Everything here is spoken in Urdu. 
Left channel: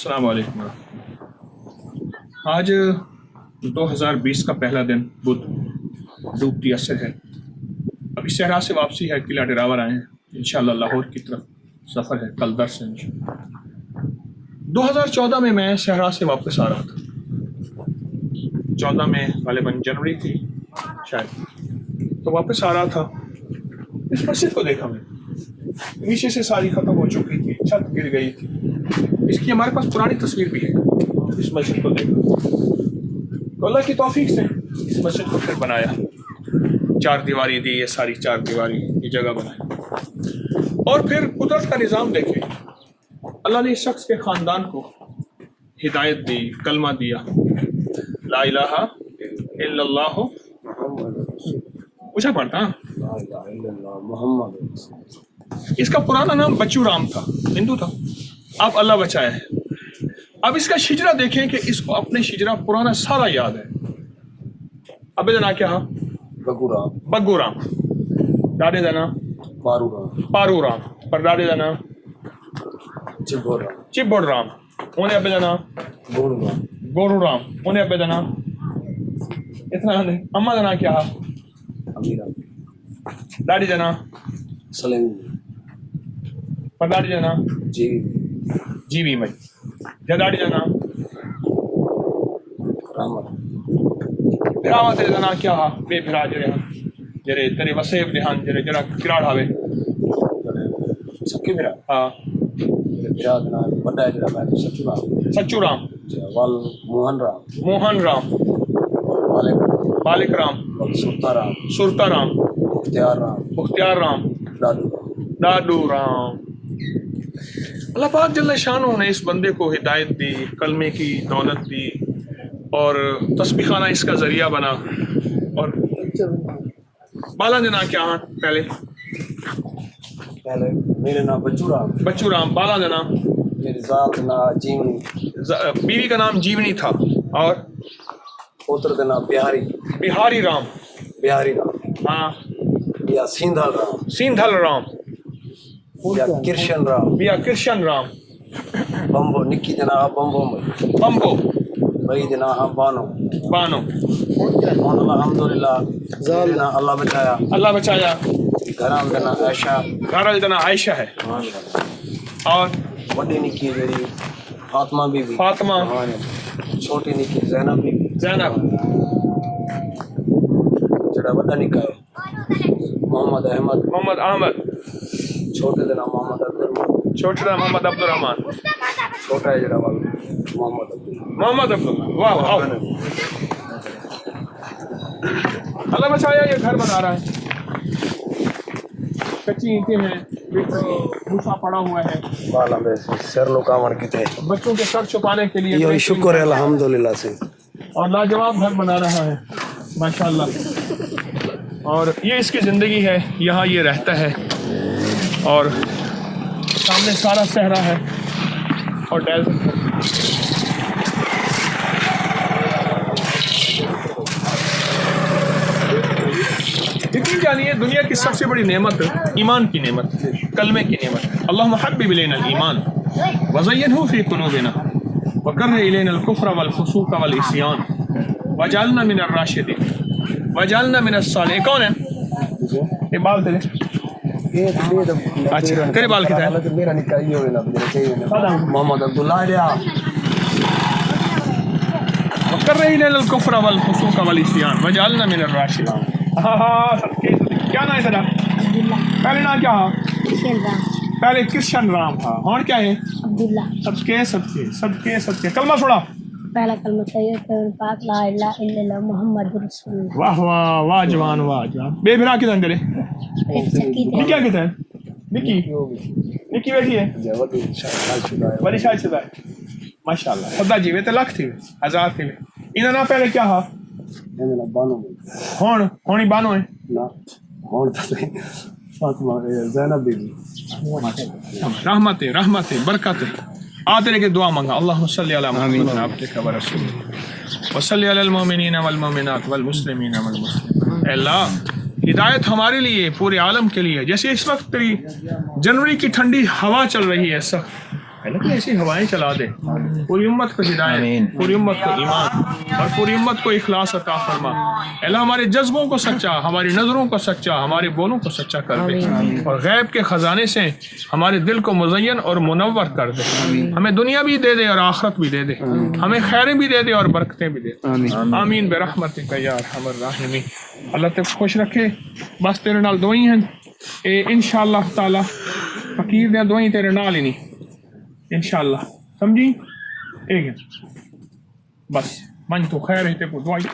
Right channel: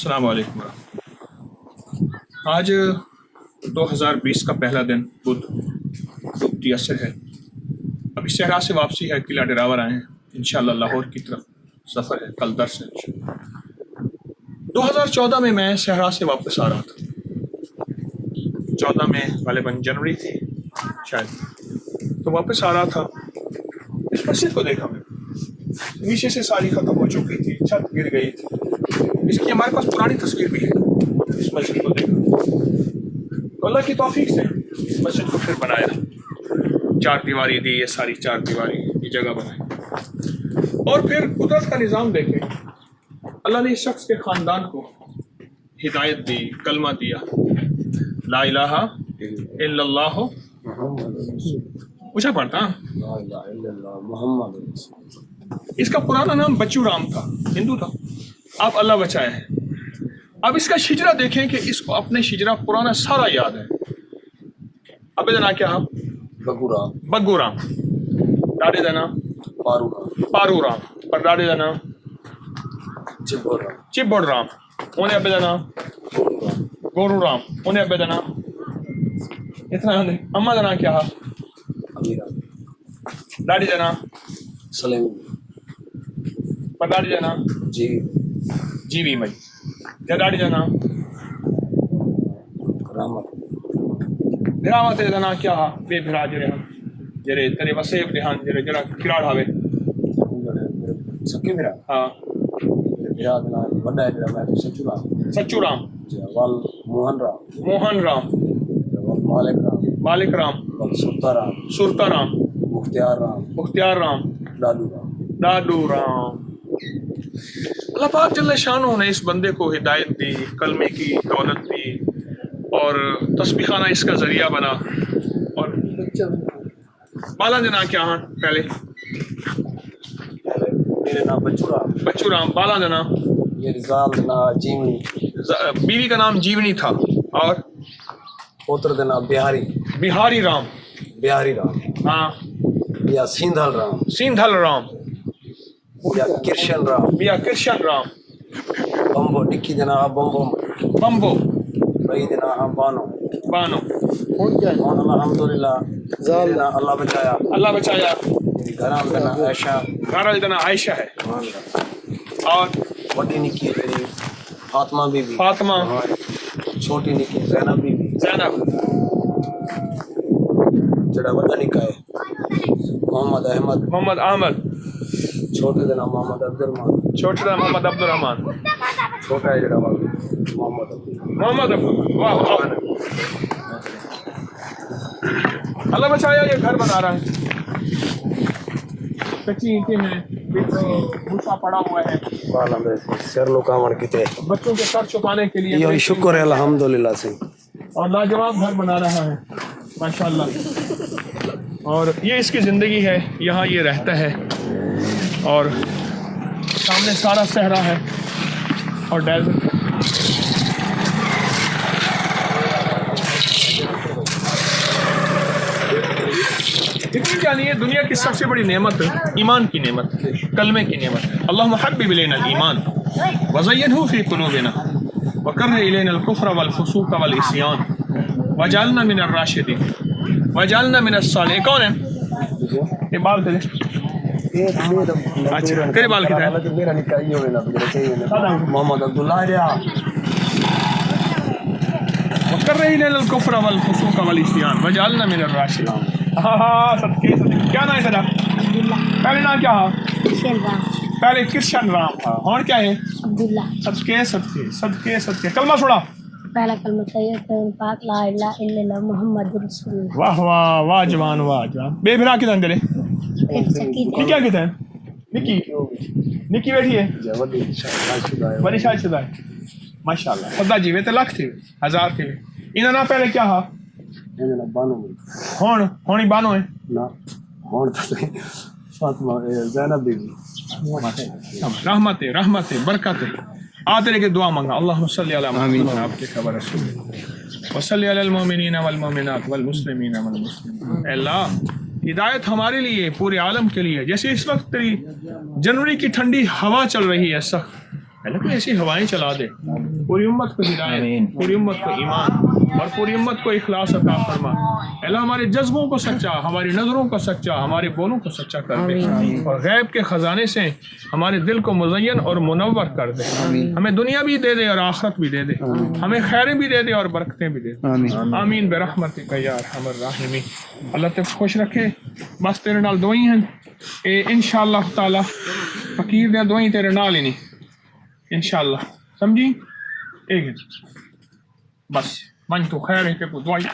السلام علیکم آج 2020 کا پہلا دن بدھ ڈوبتی عصر ہے. ابھی صحرا سے واپسی ہے, قلعہ ڈراور آئے ہیں, انشاءاللہ لاہور کی طرف سفر ہے, کل درس ہے انشاءاللہ. 2014 میں میں صحرا سے واپس آ رہا تھا, 14 میں غالباً جنوری تھی شاید, تو واپس آ رہا تھا. اس مسجد کو دیکھا میں, نیچے سے ساری ختم ہو چکی تھی, چھت گر گئی تھی. اس کی ہمارے پاس پرانی تصویر بھی ہے. اس مسجد کو دیکھا تو اللہ کی توفیق سے اس مسجد کو پھر بنایا, 4 دیواری دی, یہ ساری 4 دیواری یہ جگہ بنائی. اور پھر قدرت کا نظام دیکھیں, اللہ نے اس شخص کے خاندان کو ہدایت دی, کلمہ دیا, لا الہ الا اللہ. اونچا پڑھتا, لا الہ الا اللہ محمد. اس کا پرانا نام بچو رام تھا, ہندو تھا, اب اللہ بچایا ہے. اب اس کا شجرہ دیکھیں کہ اس کو اپنے شجرہ پرانا سارا یاد ہے. ابے دنا کیا, بگو رام, بگو رام, ڈاڈے دنا پارو رام, پارو رام, پر ڈاڈے دنا چبو رام, چبوڑ رام, انہیں ابے دنا گورو رام, گورو رام, انہیں ابے دنا اتنا نہیں. اما دنا کیا, ابھی رام, ڈاڈی دنا سلیم, پر ڈاڈی دنا جی جیوی مئی, ڈاڈی دنا رحمت, بھراوا تیرے دنا کیا, بے بھرا جرے ہاں جرے تیرے وسیب دہان جرے جرا کراڑ ہاوے سکی میرا ہاں. میرا دنا بڑا ہے جڑا, میں تو سچو رام, سچو رام, وال موہن رام, موہن رام, بالک رام, بالک رام, سرتا رام, سرتا رام, مختیار رام, مختیار رام, ڈاڈو رام. ڈاڈو رام. اللہ پاک جل شانہ نے اس بندے کو ہدایت دی, کلمے کی دولت دی, اور تسبیح خانہ اس کا ذریعہ بنا. اور بالا دینا کیا ہاں پہلے, میرے نام بچو رام, بچو رام, بالا دینا میری ذات نا جیونی, بیوی کا نام جیونی تھا, اور پوتر کا نام بہاری, بہاری رام, بہاری رام, ہاں, یا سیندھل رام, سیندھل رام, یا کرشن رام, یا کرشن رام, بمبو نکی دنا بمبو میں, بمبو, بھائی دنا ہم بانو, بانو, الحمدللہ دینا اللہ بچایا, اللہ بچایا. گھرام دنا عائشہ, گھر دینا عائشہ ہے, اور وڈی نکی جڑی فاطمہ بی بی, فاطمہ, چھوٹی نکی زینب بی بی, زینب, جڑا وڈا نکا ہے محمد احمد, محمد احمد, چھوٹے دنا محمد عبدالرحمان, چھوٹا دا محمد عبد الرحمان, چھوٹا ہے جڑا وال محمد عبدالرحمان. محمد عبد. واہ واہ, اللہ بچایا. یہ گھر بنا رہا ہے, کچی اینٹیں ہیں, بھوسا پڑا ہوا ہے, بالا میں سر لو کامر کتے, بچوں کے سر چھپانے کے لیے, یہ شکر ہے الحمدللہ سے, اور لاجواب گھر بنا رہا ہے ماشاءاللہ. اور یہ اس کی زندگی ہے, یہاں یہ رہتا ہے, اور سامنے سارا صحرا ہے اور ڈیزرٹ ہے. یقین جانیے دنیا کی سب سے بڑی نعمت ایمان کی نعمت, کلمے کی نعمت. اللہم حبب الینا الایمان وزینہ فی قلوبنا وکرہ الینا الکفر والفسوق والعصیان وجعلنا من الراشدین وجعلنا من الصالحین. کون ہے یہ بال تیرے؟ اچھا تیرے بال کتنے ہیں؟ میرا نکاح یہ ہونا محمد عبداللہ ریا, وکرہ الینا الکفر والفسوق والعصیان وجعلنا من الراشدین. ہاں صدقے صدقے. کیا نام ہے تیرا؟ پہلے نام کیا ہے؟ پہلے کرشن رام تھا, اور کیا ہے؟ عبداللہ. صدقے صدقے صدقے صدقے. کلمہ چھوڑا. پہلا کلمہ طیب پاک لا الہ الا اللہ محمد رسول اللہ. واہ واہ, واہ جوان, واہ جوان. بے بھرا کتنے ہیں تیرے؟ ایک سکی نکی کیا کتنے ہیں؟ نکی, نکی بیٹھی ہے, بڑی شاید شدہ ہے ماشاء اللہ. خدا جی وے تو لکھ تھی, ہزار تھی. انہوں نے پہلے کیا ہا بانو ہون ہونی بانو ہے نا, ہون تو فاطمہ زینب بی بی, رحمت رحمت برکت. آ تیرے کے دعا مانگا. اللہم صلی علی محمد عبدک و رسولک وصلی علی المؤمنین والمؤمنات والمسلمین والمسلمات. اے اللہ ہدایت ہمارے لیے, پورے عالم کے لیے. جیسے اس وقت تیری جنوری کی ٹھنڈی ہوا چل رہی ہے, لیکن ایسی ہوائیں چلا دے, پوری امت کو ہدایت, پوری امت کو ایمان اور پوری امت کو اخلاص عطا فرما. اللہ ہمارے جذبوں کو سچا, ہماری نظروں کو سچا, ہمارے بولوں کو سچا کر دے, اور غیب کے خزانے سے ہمارے دل کو مزین اور منور کر دے. ہمیں دنیا بھی دے دے اور آخرت بھی دے دے, ہمیں خیریں بھی دے دے اور برکتیں بھی دے دے. آمین برحمتک یا ارحم الراحمین. اللہ تک خوش رکھے. بس تیرے نال دعائیں ہیں انشاءاللہ تعالی, فقیر دے دعائیں تیرے نال ہی نہیں انشاءاللہ, سمجھی؟ ایک بس من تو خیر ہے تے کو دعائی